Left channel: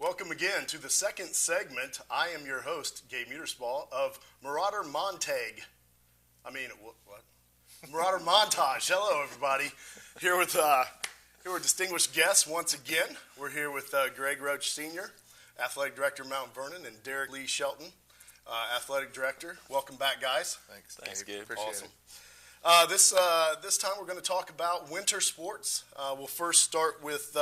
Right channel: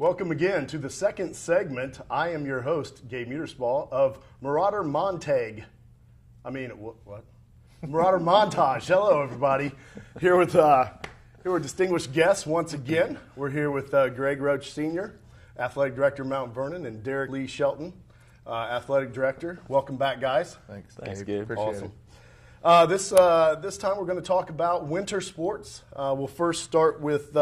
Welcome again to the second segment. I am your host, Gabe Muterspaw of Marauder Montage. What? Marauder Montage. Hello, everybody. Here with distinguished guests once again. We're here with Greg Roach Sr., Athletic Director, Mount Vernon, and Derek Lee Shelton, Athletic Director. Welcome back, guys. Thanks, Gabe. Awesome. This time we're going to talk about winter sports. We'll first start with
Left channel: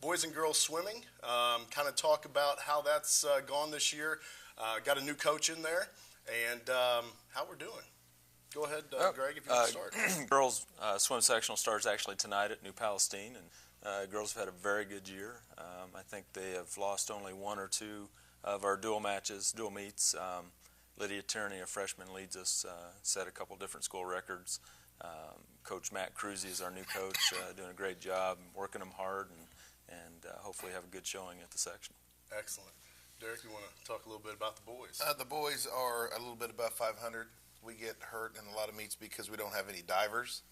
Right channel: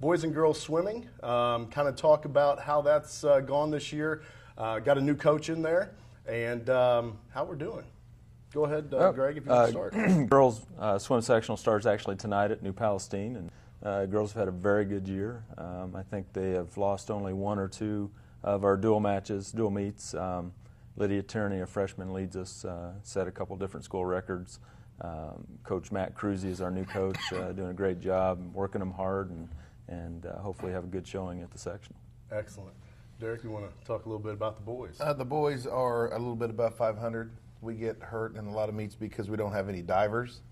boys and girls swimming, kind of talk about how that's gone this year. Got a new coach in there, and how we're doing. Go ahead, Greg, if you want to start. Girls swim sectional starts actually tonight at New Palestine, and girls have had a very good year. I think they have lost only one or two of our dual meets. Lydia Tierney, a freshman, leads us, set a couple different school records. Coach Matt Cruzy is our new coach, doing a great job, working them hard, and hopefully have a good showing at the sectional. Excellent. Derek, you want to talk a little bit about the boys? The boys are a little bit above 500. We get hurt in a lot of meets because we don't have any divers.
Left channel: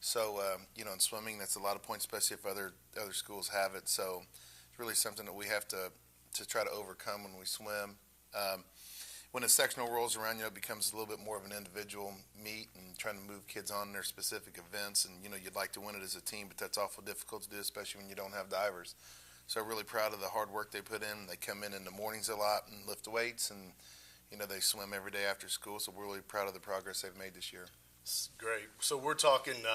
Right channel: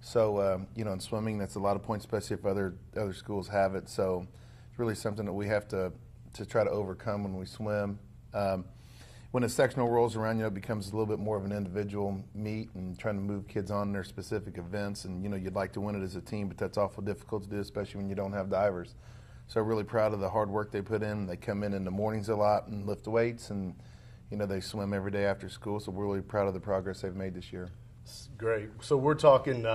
So, in swimming, that's a lot of points, especially if other schools have it. So it's really something that we have to try to overcome when we swim. When a sectional rolls around, it becomes a little bit more of an individual meet and trying to move kids on their specific events. And, you'd like to win it as a team, but that's awful difficult to do, especially when you don't have divers. So really proud of the hard work they put in. They come in the mornings a lot and lift weights, and, they swim every day after school. So we're really proud of the progress they've made this year. Great. So we're talking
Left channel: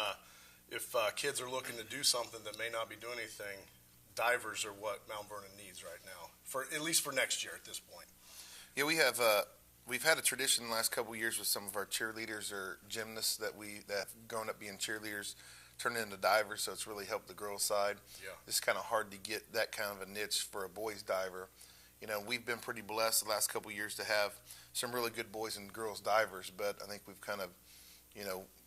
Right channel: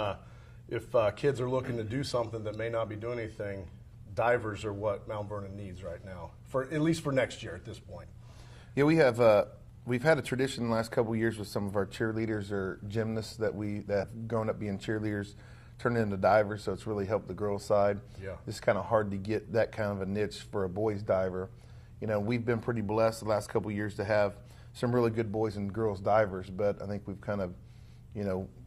if kids are looking to do something that may not be doing anything, divers are what Mount Vernon needs right now, at least for next year at this point. Yeah, we've had a tradition the last couple of years with some of our cheerleaders or gymnasts that have grown up being cheerleaders, turned into divers, so it's really helped the girls' side. Yeah. It's kind of hard to get that kind of a niche for a boys diver. We've been pretty blessed the last couple of years to have some really good boys and girls divers, but I think we've kind of,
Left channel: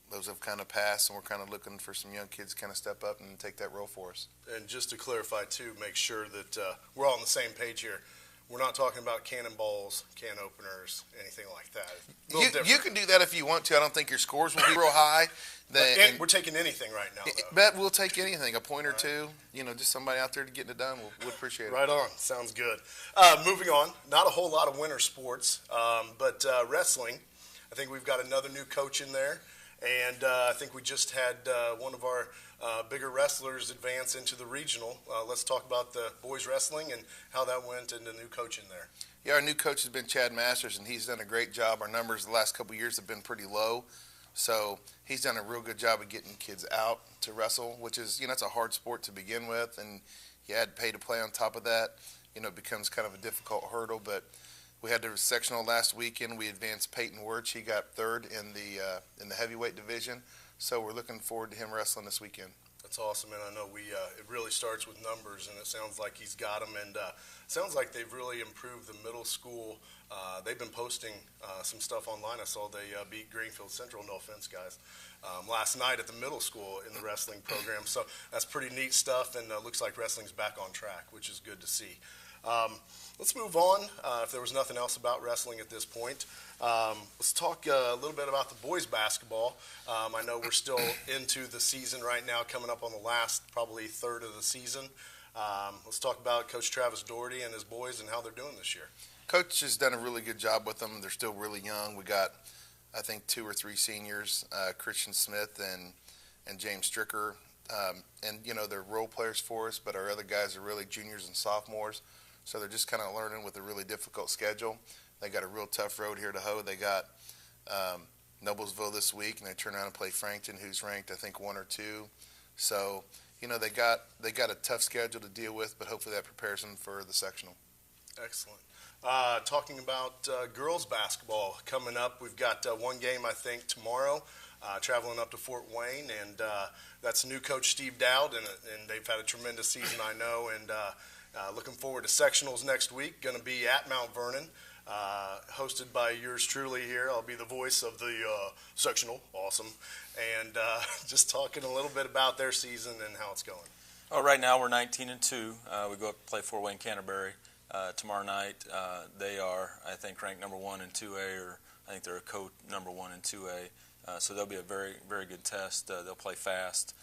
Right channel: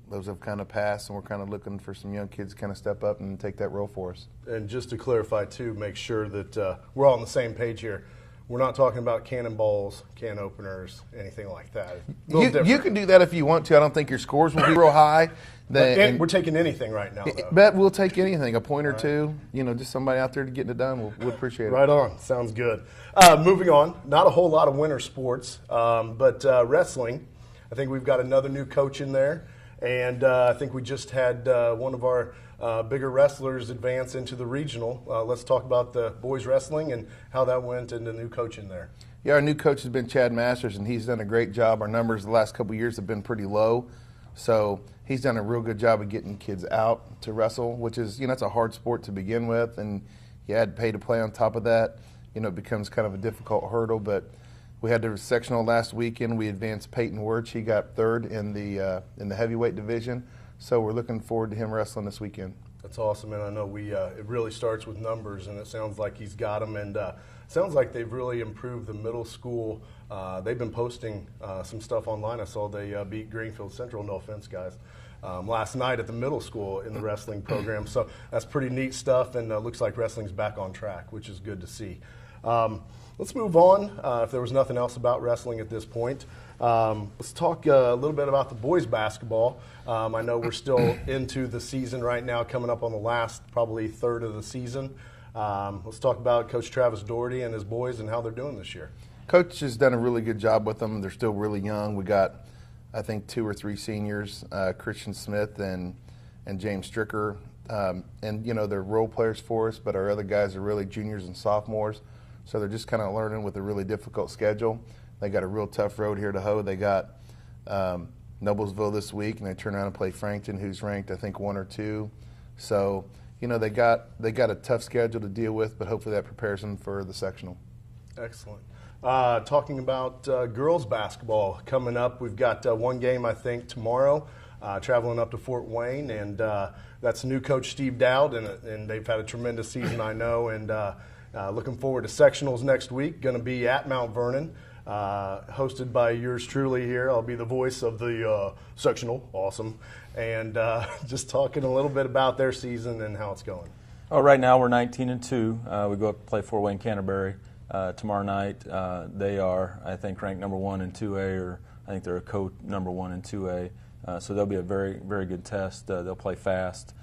those have kind of passed, and we're kind of looking for some young kids to kind of step up and take that role for us. And just to clarify, too, make sure that we're all on the same page here. We're not talking about cannonballs, can openers, anything like that. You can do that if you want to. I don't think your scores will be real high. We're taking anything right now, though. But we'll take anything, a point or two. Just somebody out there to getting it done. We'll appreciate it. Right on. Sounds good. Moving on, not a whole lot of winter sports, but wrestling. I think we've got another new coach in there, and I think we just had one of our bigger wrestlers advance into the regional. Let's talk about the boys wrestling and how that went and the new coach in there. Yeah, our new coach has been Chad Masters, and he's done a great job. Our numbers the last couple of years have been pretty low, so he's done a real good job of getting kids out to wrestle, which is, it's a hard sport to begin with, and you add pay to play on top of that, it becomes kind of a difficult hurdle. But we had the sectional last weekend. We advanced Peyton Wirch. He got third in the heavyweight division. So we're looking forward to him wrestling this weekend. That's awesome, and I know it really starts with numbers, and it sounds like he's got them, and sounds like they've really improved the middle school. They've been posting some stuff online. I saw they beat Greenfield Central, no offense, guys, last night at the middle school in the wrestling program. So that's pretty neat stuff, and looks like wrestling's back on track, which is good to see. Let's move on, if there was nothing else about wrestling at this point. Let's talk a little bit about the boys basketball. I know we're still into the season right now, coming up on the last probably third of the season. Let's talk about Coach Travis Doherty and his boys and how they're doing this year. Coach has done a really good job with them. They're still really young. We got, I think, 2 or 3 seniors, Christian Smith and James Stricker. And, they're role players for us, but our other guys are really juniors and sophomores. So they're just kind of learning with a really difficult schedule. They got a real tough road here to hoe. They got Noblesville this week, and they turn around and play Frankton, who's ranked, I think, 1 or 2. So, they got a tough schedule to deal with, but hopefully that prepares them for the sectional. Excellent. Talking about girls basketball coming up, we've got one game, I think, tomorrow, traveling up to Fort Wayne, and that's new coach Steve Dowd, and they've had a tremendous season, I know, and looking forward to sectionals next week. Going to be at Mount Vernon, hosted by yours truly here. I'll be the voice of the sectional. Awesome. And just talking a little bit about their season and how it's going. Oh, right now we're 19-2. We go up to play Fort Wayne Canterbury tomorrow night. They are, I think, ranked number 1 in 2A, or I think they're a number 1 in 2A. So they'll be a very, very good test. They'll play fast,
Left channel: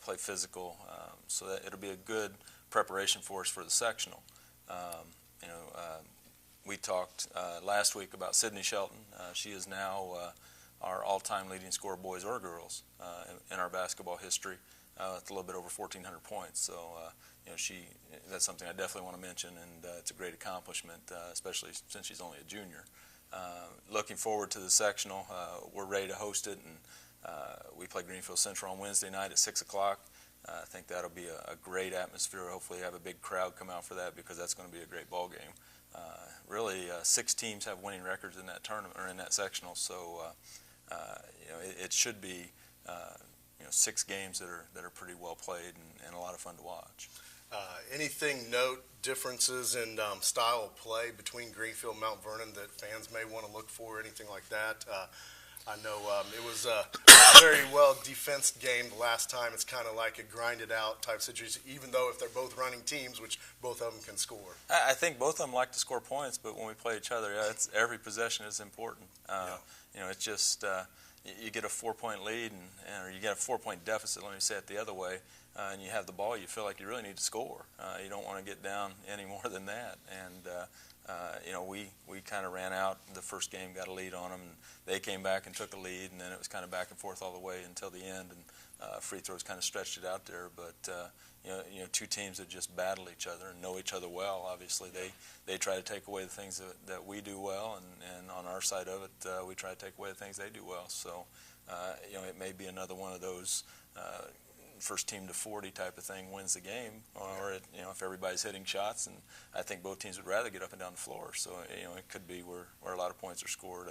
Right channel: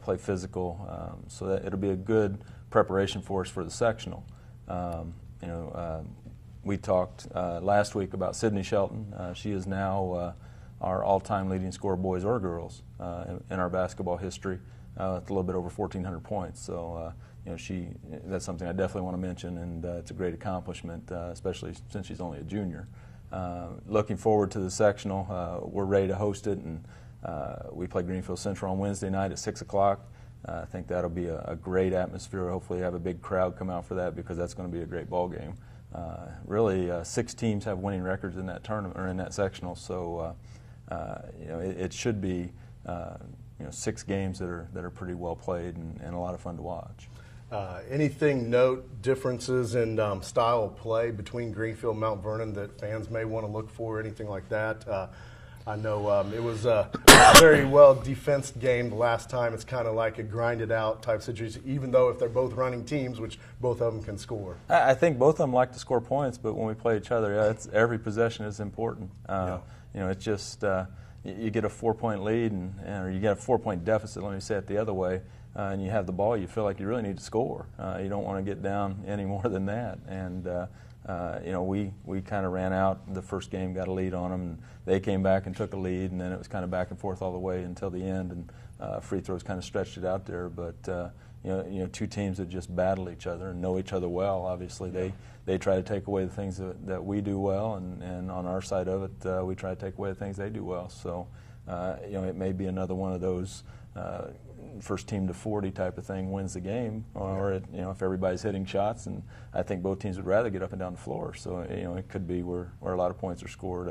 play physical. So that it'll be a good preparation for us for the sectional. We talked last week about Sydney Shelton. She is now our all-time leading scorer, boys or girls, in our basketball history. It's a little bit over 1,400 points. So, that's something I definitely want to mention, and it's a great accomplishment, especially since she's only a junior. Looking forward to the sectional. We're ready to host it, and we play Greenfield Central on Wednesday night at 6 o'clock. I think that'll be a great atmosphere. Hopefully have a big crowd come out for that, because that's going to be a great ball game. Really, 6 teams have winning records in that tournament, or in that sectional, so it should be 6 games that are pretty well played and a lot of fun to watch. Anything note differences in style of play between Greenfield and Mount Vernon that fans may want to look for, anything like that? I know it was a very well defensed game the last time. It's kind of like a grinded out type situation, even though if they're both running teams, which both of them can score. I think both of them like to score points, but when we play each other, every possession is important. It's just you get a 4-point lead, or you get a 4-point deficit, let me say it the other way, and you have the ball, you feel like you really need to score. You don't want to get down any more than that. And we kind of ran out the first game, got a lead on them, and they came back and took a lead, and then it was kind of back and forth all the way until the end, and free throws kind of stretched it out there. But two teams that just battle each other and know each other well. Obviously, they try to take away the things that we do well, and on our side of it, we try to take away the things they do well. So, it may be another one of those first team to 40 type of thing wins the game, or if everybody's hitting shots, and I think both teams would rather get up and down the floor. So it could be where a lot of points are scored.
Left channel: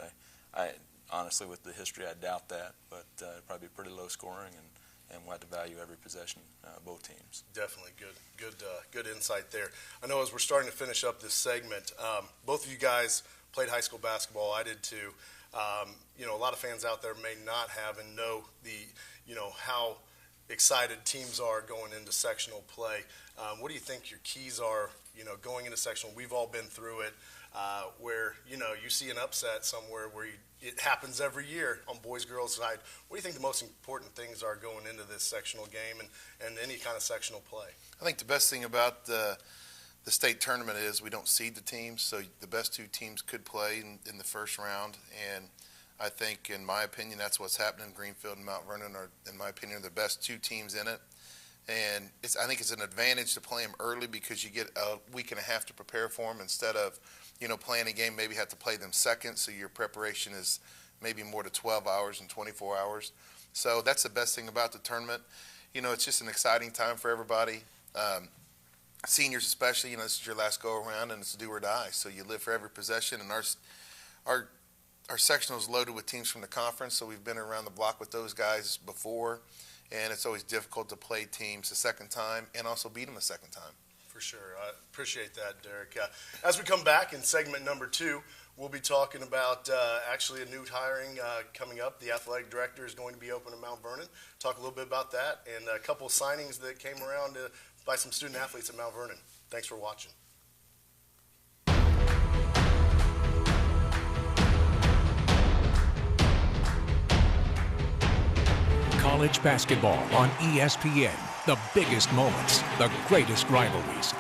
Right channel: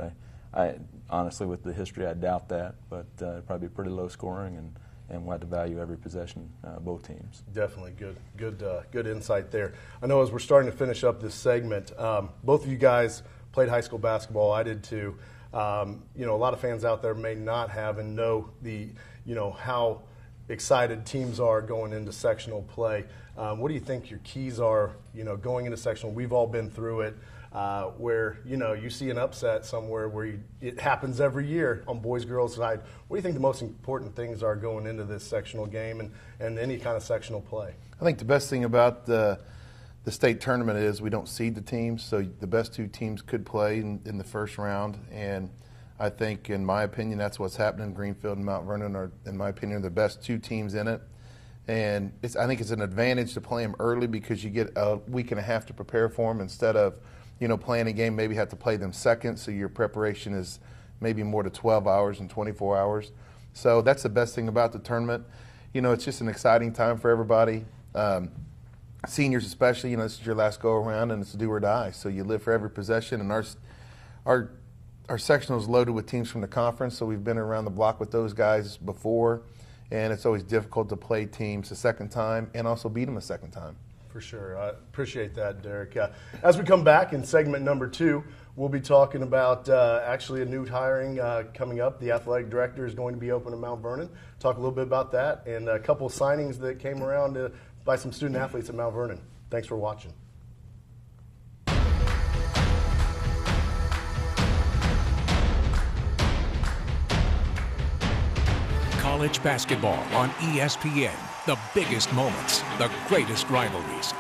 I honestly, with the history, I doubt that, but probably pretty low scoring, and we'll have to value every possession, both teams. Definitely good insight there. I know as we're starting to finish up this segment, both of you guys played high school basketball. I did too. A lot of fans out there may not have and know how excited teams are going into sectional play. What do you think your keys are, going into sectional? We've all been through it, where, you see an upset somewhere where it happens every year on boys, girls side. What do you think the most important things are going into this sectional game and any kind of sectional play? I think the best thing about the state tournament is we don't seed the teams, so the best 2 teams could play in the first round, and I think, in my opinion, that's what's happening. Greenfield and Mount Vernon are, in my opinion, the best 2 teams in it. And I think it's an advantage to play them early, because you get a week and a half to prepare for them instead of, playing a game, maybe have to play them second, so your preparation is maybe more to 12 hours and 24 hours. So that's the best thing about the tournament. It's just an exciting time for everybody. Seniors especially, this is your last go-around, and it's do or die. So you live for every possession, and our sectional is loaded with teams from the conference, so we've been around the block with those guys before, and it's always difficult to play teams a second time and also beat them a second time. For sure. I appreciate that, Derek. As we come back in segment number 2, we'll be talking about actually a new hiring coming up. The athletic director is going to be open in Mount Vernon. Talk a little bit about that and a couple of signings that came around by some student athletes at Mount Vernon. Thanks for watching. College basketball on ESPN. The biggest moments, the greatest rivalries.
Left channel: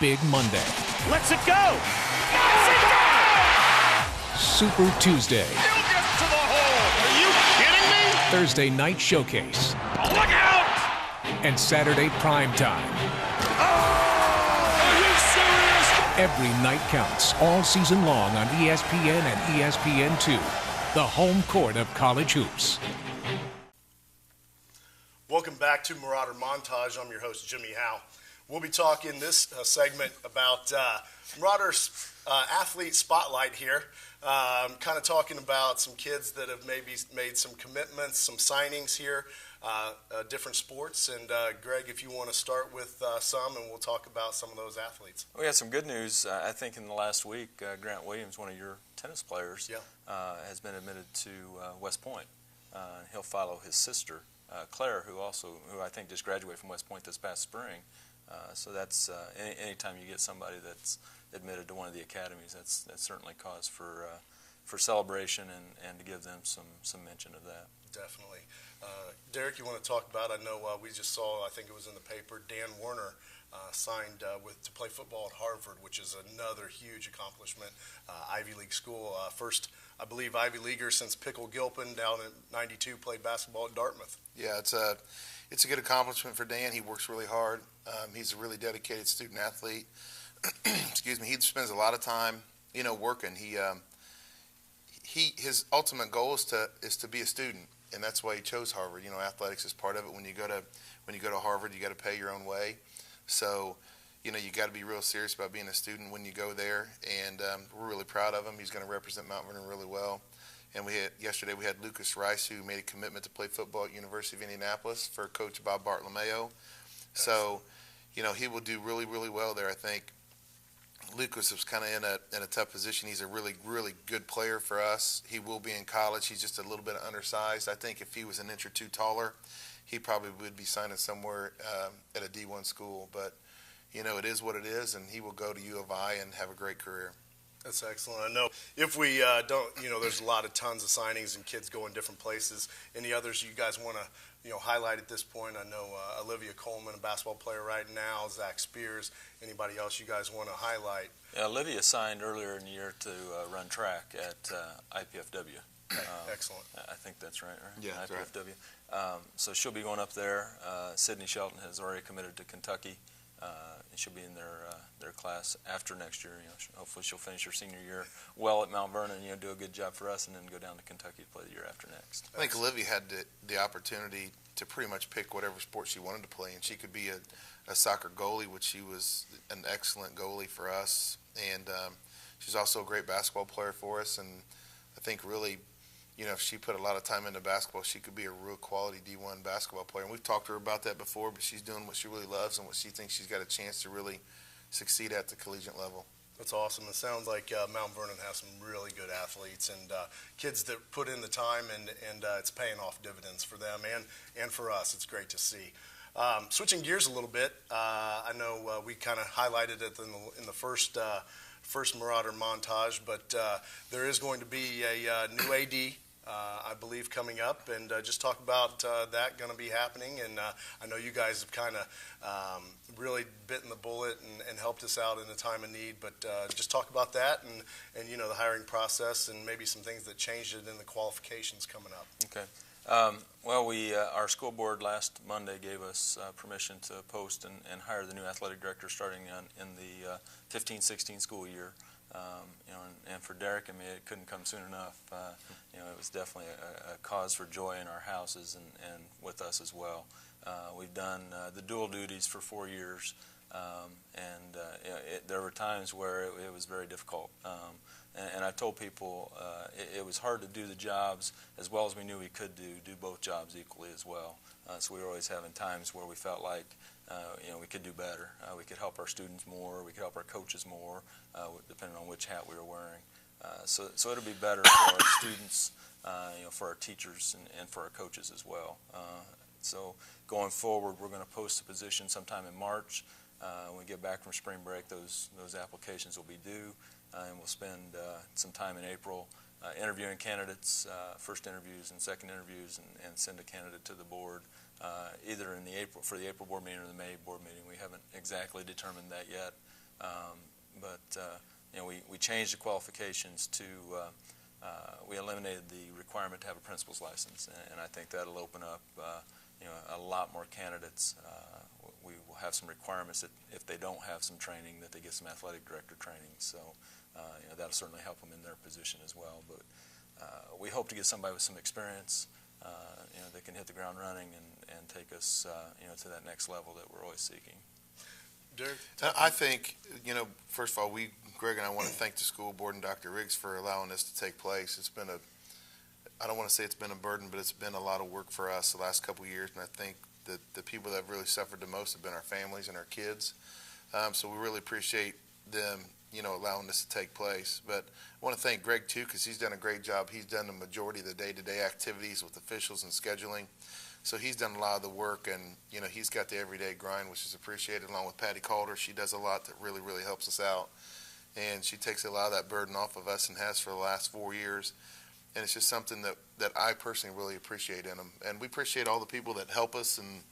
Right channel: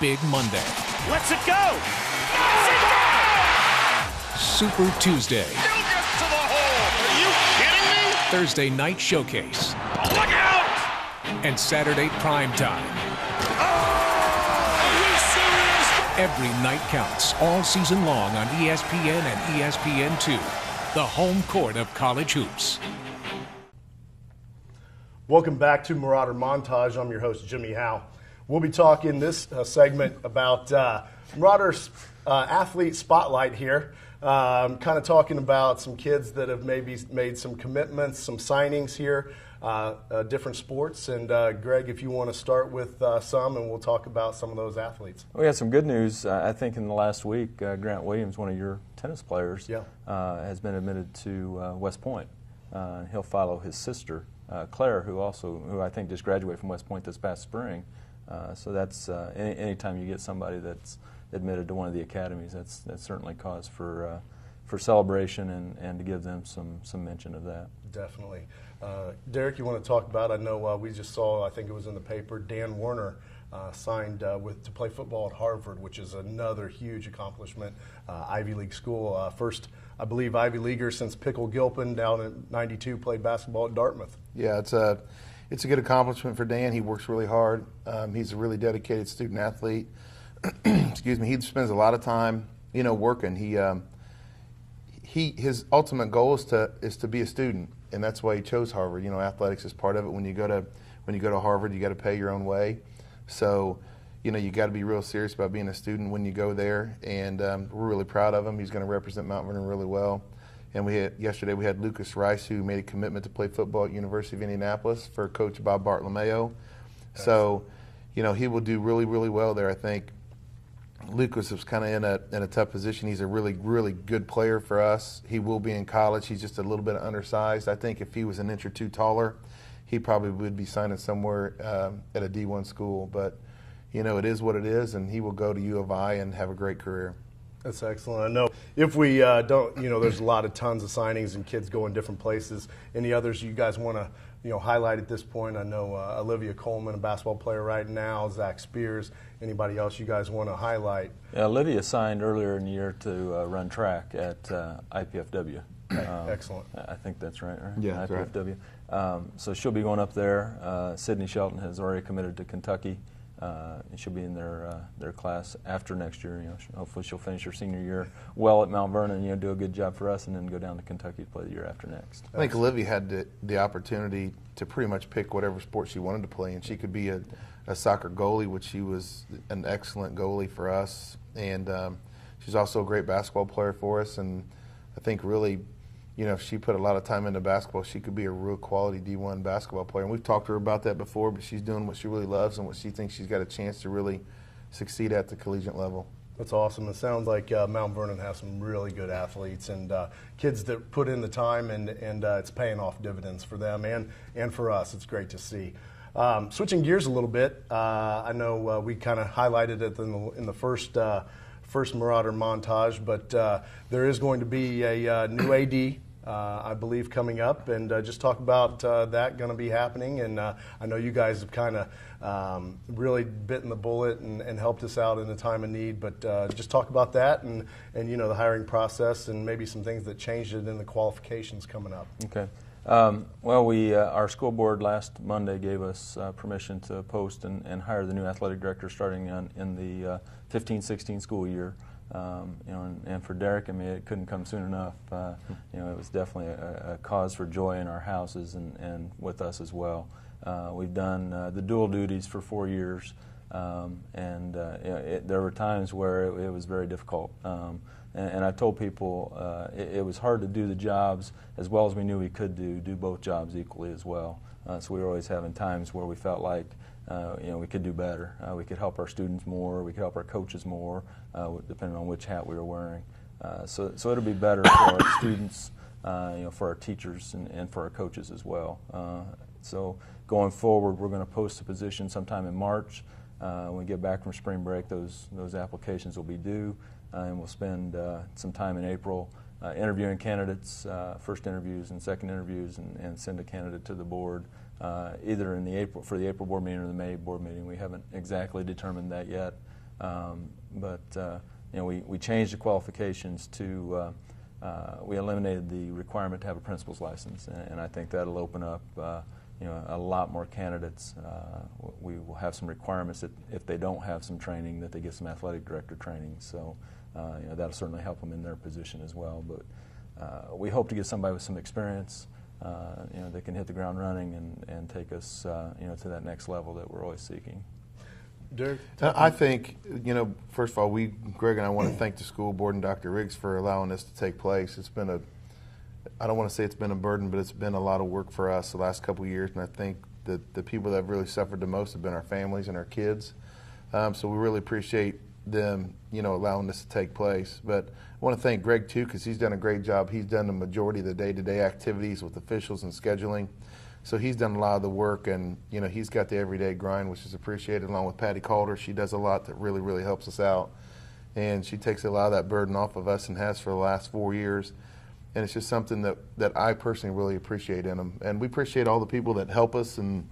Big Monday. Lets it go! Knocks it down! Super Tuesday. Still gets to the hole! Are you kidding me? Thursday night showcase. Look out! And Saturday prime time. Oh! Are you serious? Every night counts all season long on ESPN and ESPN2. The home court of college hoops. Welcome back to Marauder Montage. I'm your host, Jimmy Howe. We'll be talking this segment about Marauder's athlete spotlight here. Kind of talking about some kids that have maybe made some commitments, some signings here, different sports. And Greg, if you want to start with some, and we'll talk about some of those athletes. We had some good news. I think in the last week, Grant Williams, one of your tennis players, has been admitted to West Point. He'll follow his sister, Claire, who I think just graduated from West Point this past spring. So that's anytime you get somebody that's admitted to one of the academies, that's certainly cause for celebration and to give them some mention of that. Definitely. Derek, you want to talk about, I know we just saw, I think it was in the paper, Dan Werner signed to play football at Harvard, which is another huge accomplishment. Ivy League school, first, I believe, Ivy Leaguer since Pickle Gilpin down in '92 played basketball at Dartmouth. Yeah, it's a good accomplishment for Dan. He works really hard. He's a really dedicated student athlete. Excuse me. He spends a lot of time, working. His ultimate goal is to be a student, and that's why he chose Harvard. Athletics is part of it. When you go to Harvard, you got to pay your own way. So, you got to be real serious about being a student when you go there, and we're really proud of him. He's going to represent Mount Vernon really well. And yesterday we had Lucas Rice, who made a commitment to play football at University of Indianapolis for Coach Bob Bartolomeo. So, he will do really, really well there, I think. Lucas was kind of in a tough position. He's a really, really good player for us. He will be in college. He's just a little bit undersized. I think if he was an inch or two taller, he probably would be signing somewhere at a D1 school. But, it is what it is, and he will go to U of I and have a great career. That's excellent. I know if we don't, there's a lot of tons of signings and kids going different places. Any others you guys want to, highlight at this point? I know Olivia Coleman, a basketball player right now, Zach Spears. Anybody else you guys want to highlight? Yeah, Olivia signed earlier in the year to run track at IPFW. Excellent. I think that's right? Yeah, that's right. IPFW. So she'll be going up there. Sydney Shelton has already committed to Kentucky. And she'll be in their class after next year. Hopefully she'll finish her senior year well at Mount Vernon. Do a good job for us, and then go down to Kentucky to play the year after next. I think Olivia had the opportunity to pretty much pick whatever sport she wanted to play, and she could be a soccer goalie, which she was an excellent goalie for us, and she's also a great basketball player for us. And I think really, if she put a lot of time into basketball, she could be a real quality D1 basketball player. And we've talked to her about that before, but she's doing what she really loves and what she thinks she's got a chance to really succeed at the collegiate level. That's awesome. It sounds like Mount Vernon has some really good athletes and kids that put in the time, and it's paying off dividends for them and for us. It's great to see. Switching gears a little bit, I know we kind of highlighted it in the first Marauder montage, but there is going to be a new AD, I believe, coming up, and just talk about that going to be happening. And I know you guys have kind of really bitten the bullet and helped us out in a time of need, but just talk about that and the hiring process and maybe some things that changed it in the qualifications coming up. Okay. Well, our school board last Monday gave us permission to post and hire the new athletic director starting in the 15-16 school year. And for Derek and me, it couldn't come soon enough. It was definitely a cause for joy in our houses and with us as well. We've done the dual duties for 4 years, and there were times where it was very difficult. And I told people it was hard to do the jobs as well as we knew we could do both jobs equally as well. So we were always having times where we felt like we could do better. We could help our students more. We could help our coaches more, depending on which hat we were wearing. So it'll be better for our students, for our teachers, and for our coaches as well. So going forward, we're going to post a position sometime in March. When we get back from spring break, those applications will be due, and we'll spend some time in April interviewing candidates, first interviews and second interviews, and send a candidate to the board, either for the April board meeting or the May board meeting. We haven't exactly determined that yet, but we changed the qualifications to we eliminated the requirement to have a principal's license, and I think that'll open up a lot more candidates. We will have some requirements that if they don't have some training, that they get some athletic director training. So that'll certainly help them in their position as well. But we hope to get somebody with some experience, that can hit the ground running and take us, to that next level that we're always seeking. Derek? I think, first of all, Greg and I want to thank the school board and Dr. Riggs for allowing this to take place. It's been I don't want to say it's been a burden, but it's been a lot of work for us the last couple of years, and I think that the people that have really suffered the most have been our families and our kids. So we really appreciate them, allowing this to take place. But I want to thank Greg, too, because he's done a great job. He's done the majority of the day-to-day activities with officials and scheduling. So he's done a lot of the work, and, he's got the everyday grind, which is appreciated, along with Patty Calder. She does a lot that really, really helps us out. And she takes a lot of that burden off of us and has for the last 4 years. And it's just something that I personally really appreciate in them. And we appreciate all the people that help us and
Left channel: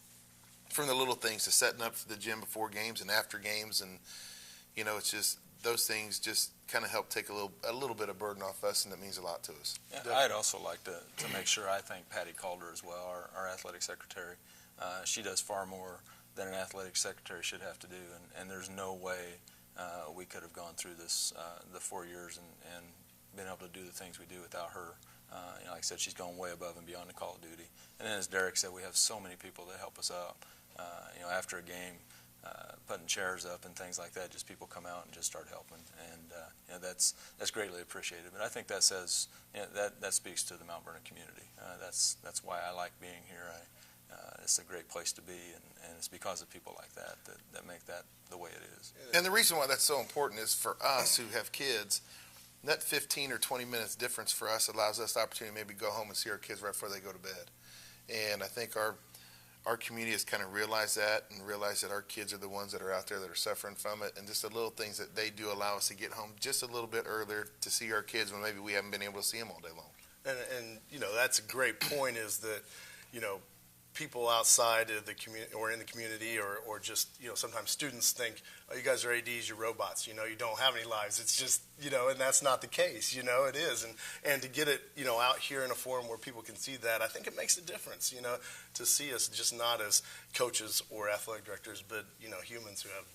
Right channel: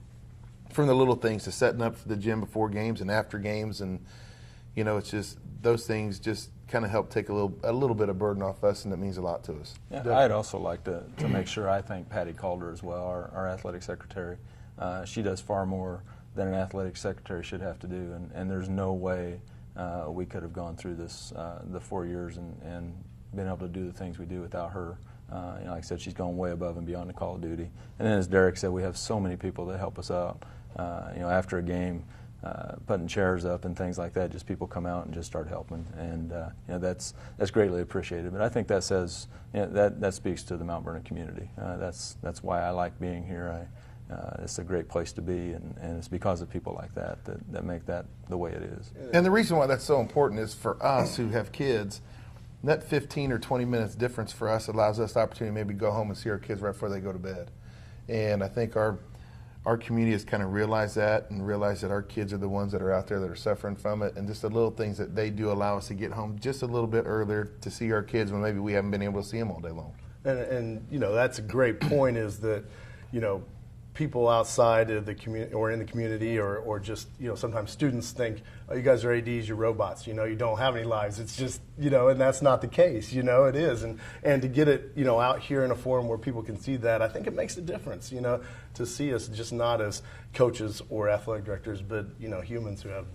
from the little things to setting up for the gym before games and after games, and it's just those things just kind of help take a little bit of burden off us, and it means a lot to us. Yeah, I'd also like to make sure I thank Patty Calder as well, our athletic secretary. She does far more than an athletic secretary should have to do, and there's no way we could have gone through this the 4 years and been able to do the things we do without her. Like I said, she's gone way above and beyond the call of duty. And then as Derek said, we have so many people that help us out. After a game, putting chairs up and things like that, just people come out and just start helping, and that's greatly appreciated. But I think that says that speaks to the Mount Vernon community. That's why I like being here. It's a great place to be, and it's because of people like that make that the way it is. And the reason why that's so important is for us who have kids. That 15 or 20 minutes difference for us allows us the opportunity to maybe go home and see our kids right before they go to bed. And I think our community has kind of realized that, and realized that our kids are the ones that are out there that are suffering from it, and just the little things that they do allow us to get home just a little bit earlier to see our kids when maybe we haven't been able to see them all day long. And that's a great point, is that, people outside of the community or in the community or just, sometimes students think, oh, you guys are ADs, you're robots, you don't have any lives. It's just, and that's not the case, it is. And to get it, out here in a forum where people can see that, I think it makes a difference, to see us just not as coaches or athletic directors, but, humans who have,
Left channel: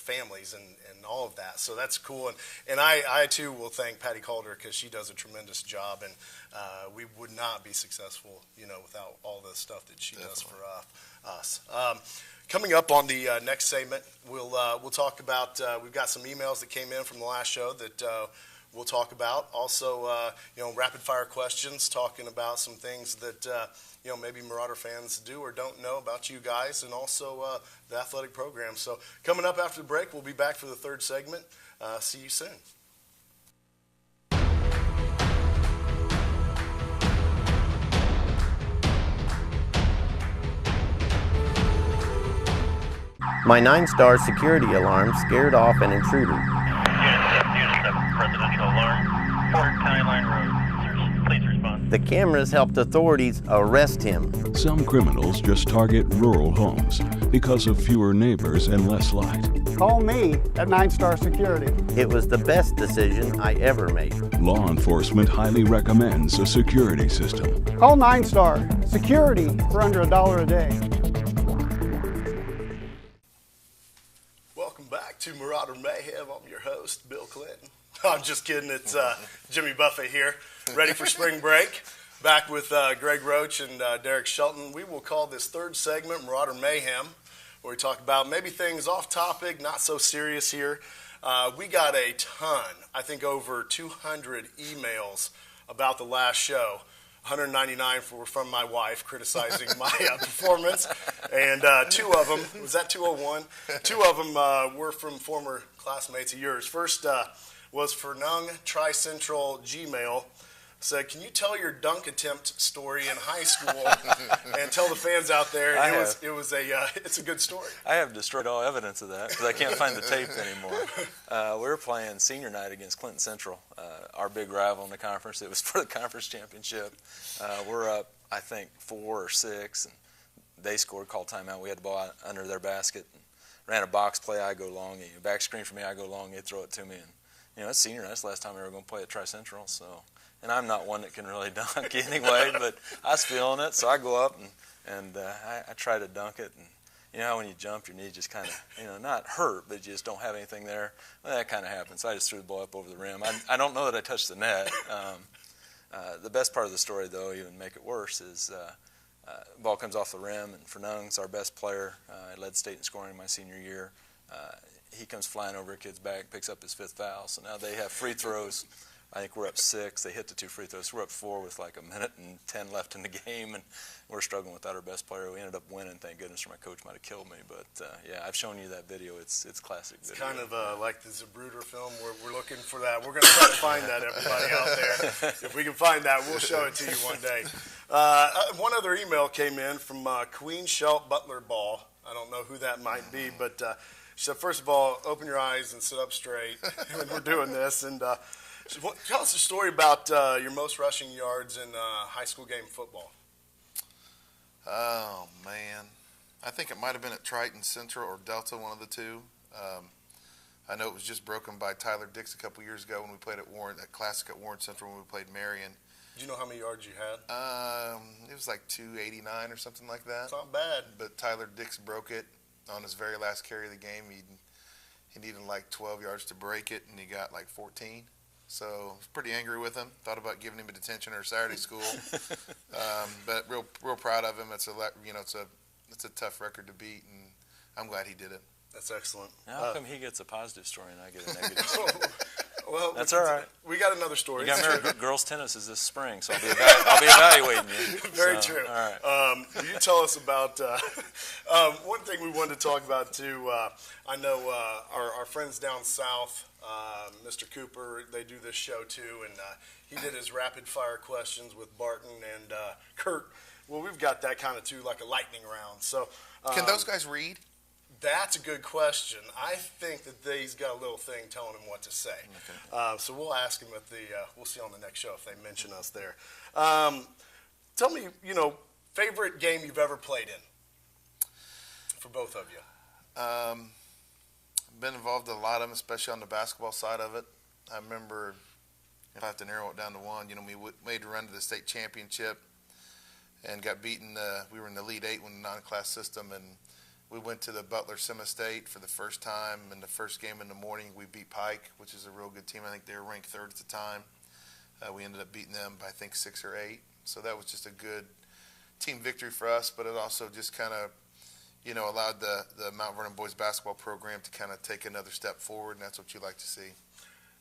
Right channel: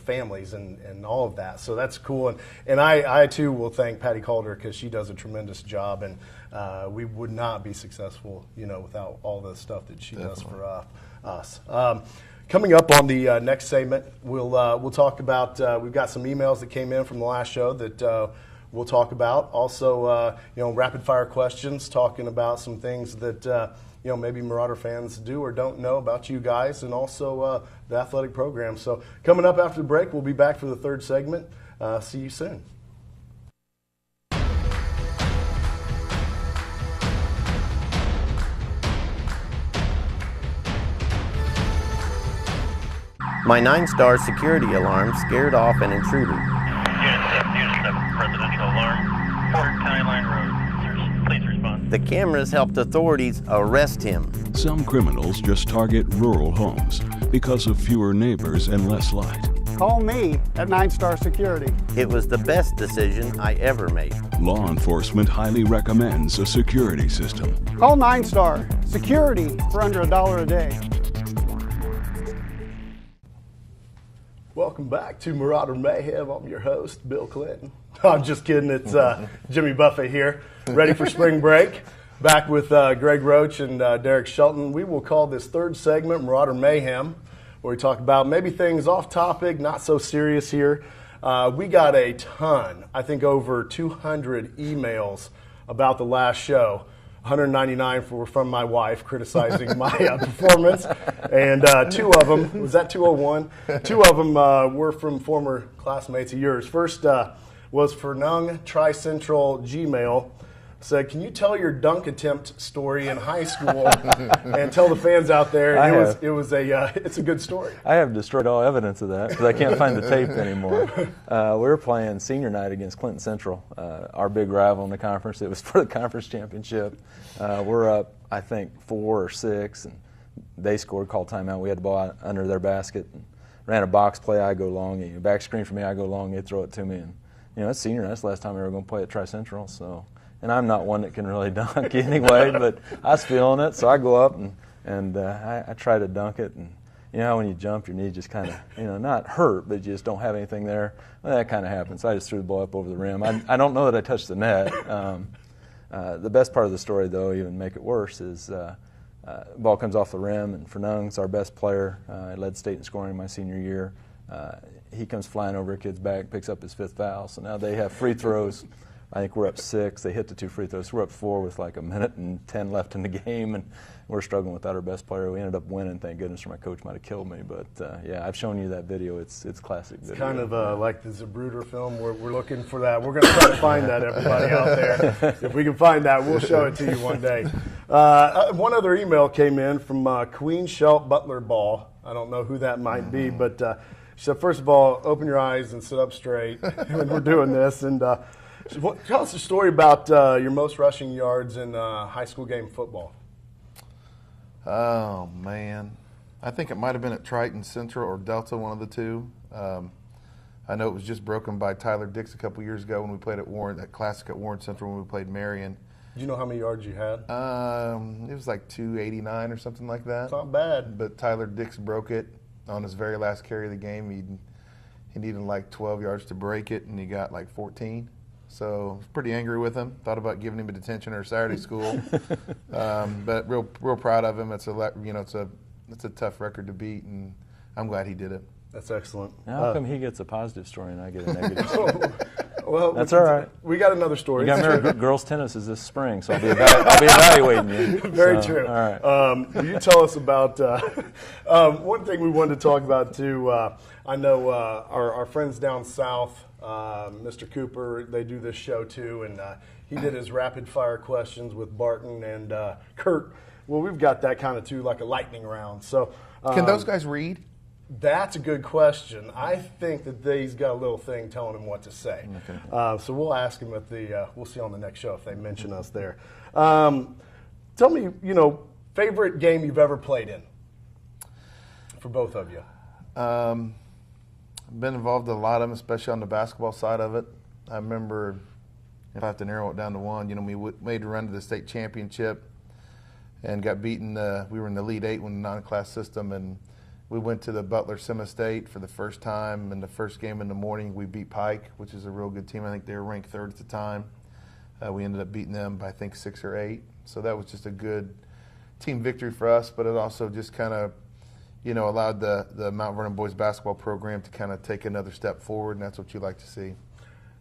families and all of that. So that's cool. And I too will thank Patty Calder, because she does a tremendous job, and we would not be successful, without all the stuff that she does for us. Coming up on the next segment, we'll talk about, we've got some emails that came in from the last show that we'll talk about. Also, rapid fire questions, talking about some things that, maybe Marauder fans do or don't know about you guys, and also the athletic program. So coming up after the break, we'll be back for the third segment. See you soon. My 9-star security alarm scared off an intruder. Unit 7, residential alarm, Fort County Line Road. Please respond. The cameras helped authorities arrest him. Some criminals just target rural homes because of fewer neighbors and less light. Call me at 9-Star Security. It was the best decision I ever made. Law enforcement highly recommends a security system. Call 9-Star Security for under $1 a day. Welcome back to Marauder Mayhem. I'm your host, Bill Clinton. I'm just kidding. It's Jimmy Buffett here, ready for spring break. Back with Greg Roach and Derek Shelton. We will call this third segment Marauder Mayhem, where we talk about maybe things off topic, not so serious here. We got a ton, I think over 200 emails about the last show. 199 from my wife criticizing my performance, and two of them, was that 201? Two of them were from former classmates of yours. First was Vernon Tri-Central Gmail. Said, can you tell your dunk attempt story in high school and tell the fans out there it's a good story. I have destroyed all evidence of that because I can't find the tape anymore. We were playing senior night against Clinton Central, our big rival in the conference. It was for the conference championship. We're up, I think, 4 or 6, and they scored, called timeout. We had the ball out under their basket and ran a box play. I go long, and back screen for me. I go long. They throw it to me, and it's senior night. That's the last time we were going to play at Tri-Central, so. And I'm not one that can really dunk anyway, but I was feeling it, so I go up and I try to dunk it. And how when you jump, your knee just kind of, not hurt, but you just don't have anything there. Well, that kind of happens. So I just threw the ball up over the rim. I don't know that I touched the net. The best part of the story, though, even make it worse, is the ball comes off the rim, and Vernon's our best player. I led state in scoring my senior year. He comes flying over a kid's back, picks up his 5th foul. So now they have free throws. I think we're up 6. They hit the 2 free throws. We're up 4 with like 1:10 left in the game, and we're struggling without our best player. We ended up winning, thank goodness, or my coach might have killed me. But yeah, I've shown you that video. It's classic video. It's kind of like the Zapruder film. We're looking for that. We're going to try to find that, everybody out there. If we can find that, we'll show it to you one day. One other email came in from Queen Shelt Butler Ball. I don't know who that might be, but she said, first of all, open your eyes and sit up straight when we're doing this. And tell us a story about your most rushing yards in high school game football. Oh, man. I think it might have been at Triton Central or Delta, one of the two. I know it was just broken by Tyler Dix a couple years ago when we played at Warren, that Classic at Warren Central when we played Marion. Do you know how many yards you had? It was like 289 or something like that. It's not bad. But Tyler Dix broke it on his very last carry of the game. He needed like 12 yards to break it, and he got like 14. So I was pretty angry with him. Thought about giving him a detention or Saturday school. But real proud of him. It's a tough record to beat, and I'm glad he did it. That's excellent. Now, how come he gets a positive story and I get a negative story? Well, That's all right. We got another story. You got married. Girls tennis is this spring, so I'll be evaluating you. Very so, true. All right. You tell us about one thing we wanted to talk about too. I know our friends down south, Mr. Cooper, they do this show too, and he did his rapid fire questions with Barton and Kurt. Well, we've got that kind of too, like a lightning round. So Can those guys read? That's a good question. I think that he's got a little thing telling him what to say. Okay. So we'll ask him at we'll see on the next show if they mention us there. Tell me, favorite game you've ever played in for both of you. Been involved in a lot of them, especially on the basketball side of it. I remember, if I have to narrow it down to one, we made a run to the state championship and got beaten. We were in the Elite Eight when the non-class system, and we went to the Butler Semi-State for the first time. In the first game in the morning, we beat Pike, which is a real good team. I think they were ranked third at the time. We ended up beating them by, I think, 6 or 8. So that was just a good team victory for us, but it also just kind of, allowed the Mount Vernon boys basketball program to kind of take another step forward, and that's what you like to see.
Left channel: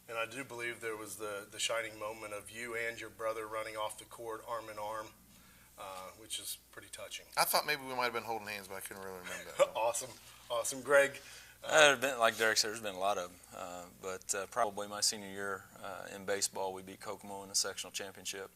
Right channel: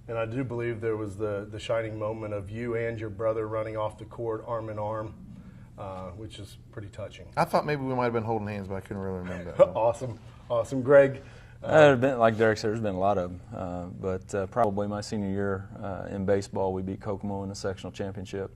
And I do believe there was the shining moment of you and your brother running off the court arm in arm, which is pretty touching. I thought maybe we might have been holding hands, but I couldn't really remember that. Awesome. Greg? Like Derek said, there's been a lot of them, but probably my senior year in baseball, we beat Kokomo in the sectional championship.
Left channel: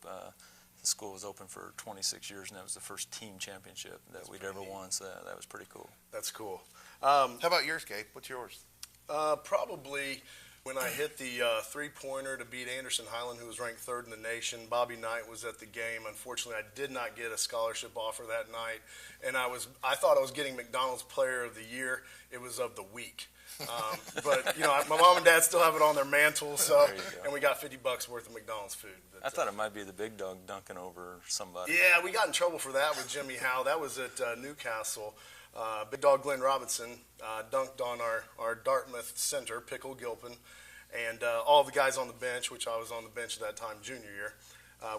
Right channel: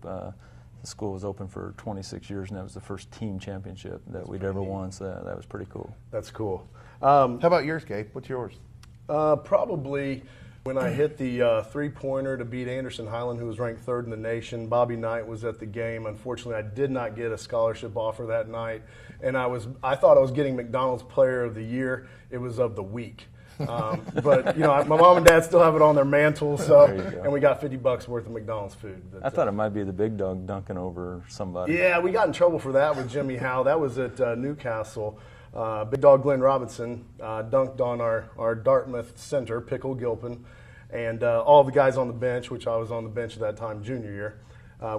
The school was open for 26 years, and that was the first team championship that we'd ever won, so that was pretty cool. That's cool. How about yours, Gabe? What's yours? Probably when I hit the three-pointer to beat Anderson Highland, who was ranked third in the nation. Bobby Knight was at the game. Unfortunately, I did not get a scholarship offer that night, and I thought I was getting McDonald's Player of the Year. It was of the week. But my mom and dad still have it on their mantle, and we got $50 worth of McDonald's food. But, I thought it might be the big dog dunking over somebody. Yeah, we got in trouble for that with Jimmy Howe. That was at Newcastle. Big dog Glenn Robinson dunked on our Dartmouth center, Pickle Gilpin, and all the guys on the bench, which I was on the bench at that time, junior year.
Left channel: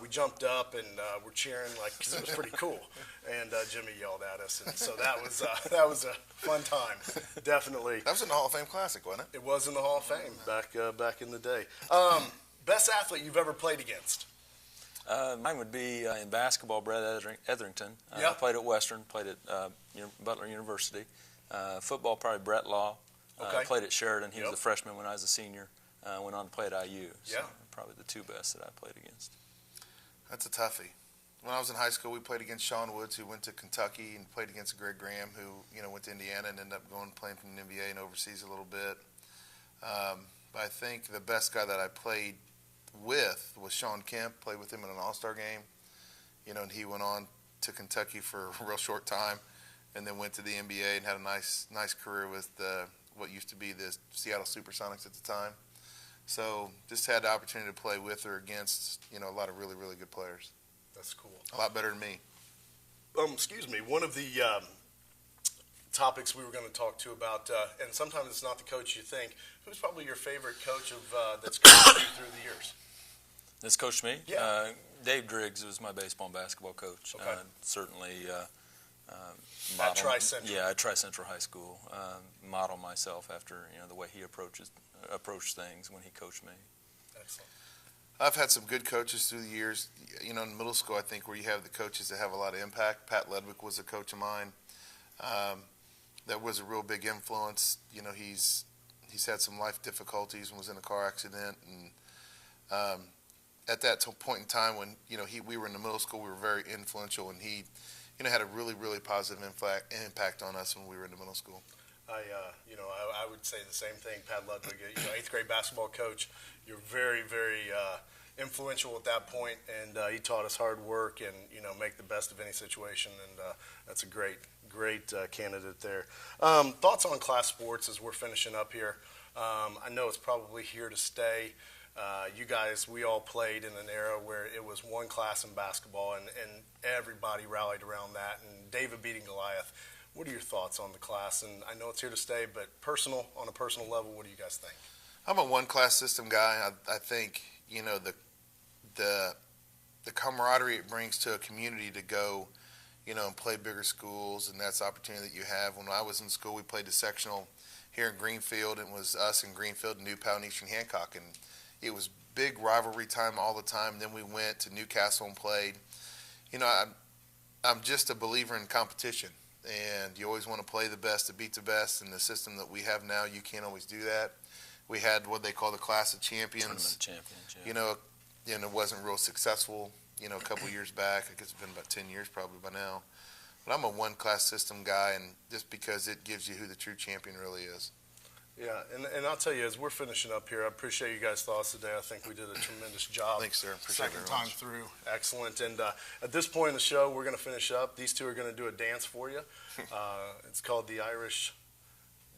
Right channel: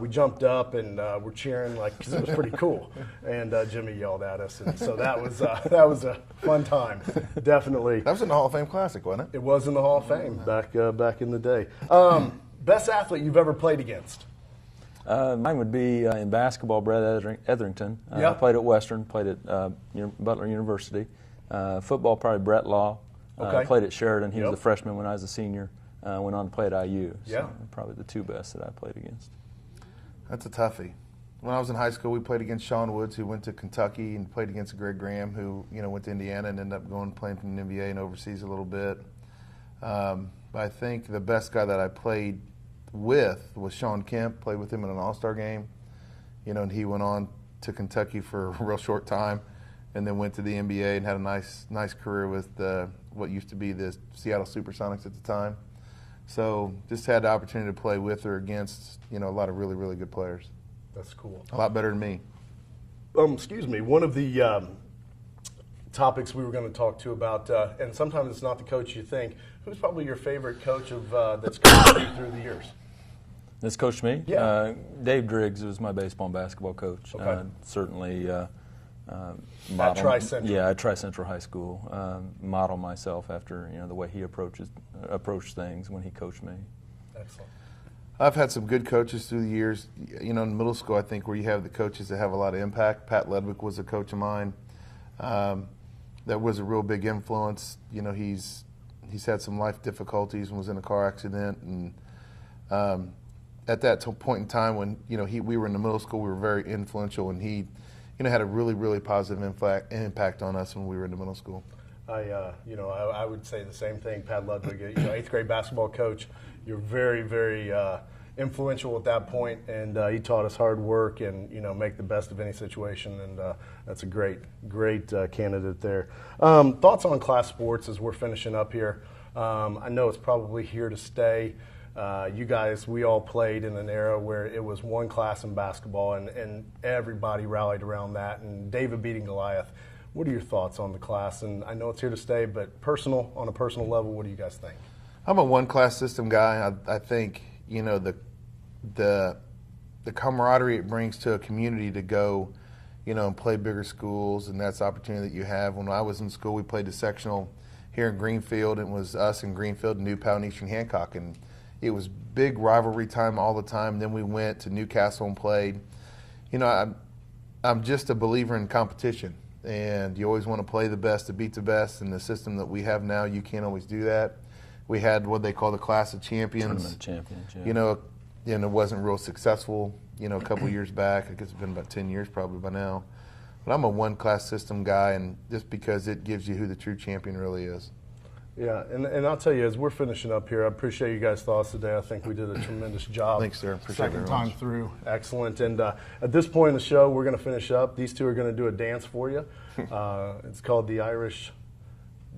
We jumped up and we're cheering because it was pretty cool. And Jimmy yelled at us, and so that was a fun time, definitely. That was in the Hall of Fame Classic, wasn't it? It was in the Hall of Fame back in the day. Best athlete you've ever played against? Mine would be in basketball, Brett Etherington. I played at Western, played at Butler University. Football, probably Brett Law. Okay. Played at Sheridan. He was a freshman when I was a senior. Went on to play at IU. So yeah. Probably the two best that I played against. That's a toughie. When I was in high school, we played against Sean Woods, who went to Kentucky, and played against Greg Graham, who went to Indiana and ended up going playing from the NBA and overseas a little bit. But I think the best guy that I played with was Sean Kemp. Played with him in an All-Star game, and he went on to Kentucky for a real short time, and then went to the NBA and had a nice career with what used to be the Seattle Supersonics at the time. So just had the opportunity to play with or against, a lot of really, really good players. That's cool. A lot better than me. Excuse me. One of the topics we were going to talk to about, and sometimes it's not the coach you think. Who's probably your favorite coach that's coached you through the years? That's coached me? Yeah. Dave Driggs was my baseball and basketball coach. Okay. Certainly. At Tri-Central. Yeah, at Tri-Central High School. Model myself after the way he approached things when he coached me. Excellent. I've had some good coaches through the years. In middle school, I think where you have the coaches that have a lot of impact. Pat Ledwick was a coach of mine. That was a real big influence. He's had some life difficulties and was in a car accident, and at that point in time when we were in the middle school, we were very influential, and he had a really, really positive impact on us when we were in the middle school. I would say the same thing. Pat Ludwig, 8th grade basketball coach. You're very, very influential at that point, and he taught us hard work and, you know, make the best of any situation, and that's a great candidate there. Thoughts on class sports as we're finishing up here? I know it's probably here to stay. You guys, we all played in an era where it was one class in basketball, and everybody rallied around that, and David beating Goliath. What are your thoughts on the class? And I know it's here to stay, but on a personal level, what do you guys think? I'm a one-class system guy. I think, you know, the camaraderie it brings to a community to go, you know, and play bigger schools, and that's the opportunity that you have. When I was in school, we played the sectional here in Greenfield, and it was us in Greenfield, New Pal, and Eastern Hancock, and it was big rivalry time all the time. Then we went to Newcastle and played. You know, I'm just a believer in competition, and you always want to play the best to beat the best. In the system that we have now, you can't always do that. We had what they call the class of champions. Tournament champions, yeah. You know, and it wasn't real successful, you know, a couple years back. I guess it's been about 10 years probably by now. But I'm a one-class system guy, and just because it gives you who the true champion really is. Yeah, and I'll tell you, as we're finishing up here, I appreciate you guys' thoughts today. I think we did a tremendous job. Thanks, sir. Appreciate it Second very time much. through. Excellent. And at this point in the show, we're going to finish up. These two are going to do a dance for you. It's called the Irish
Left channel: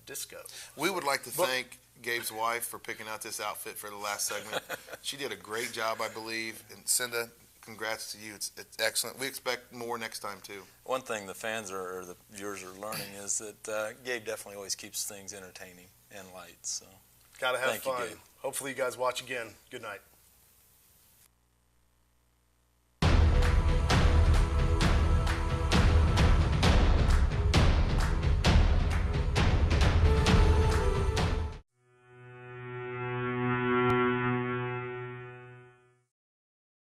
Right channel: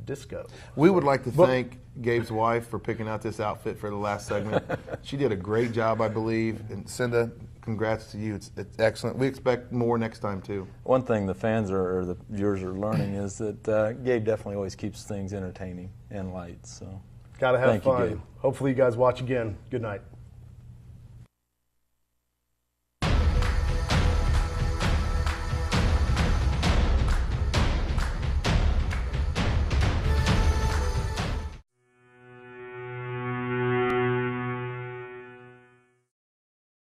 Disco. We would like to thank Gabe's wife for picking out this outfit for the last segment. She did a great job, I believe. And Cinda, congrats to you. It's excellent. We expect more next time, too. One thing the fans or the viewers are learning is that Gabe definitely always keeps things entertaining and light. So, Got to have thank you, fun. Gabe. Hopefully you guys watch again. Good night.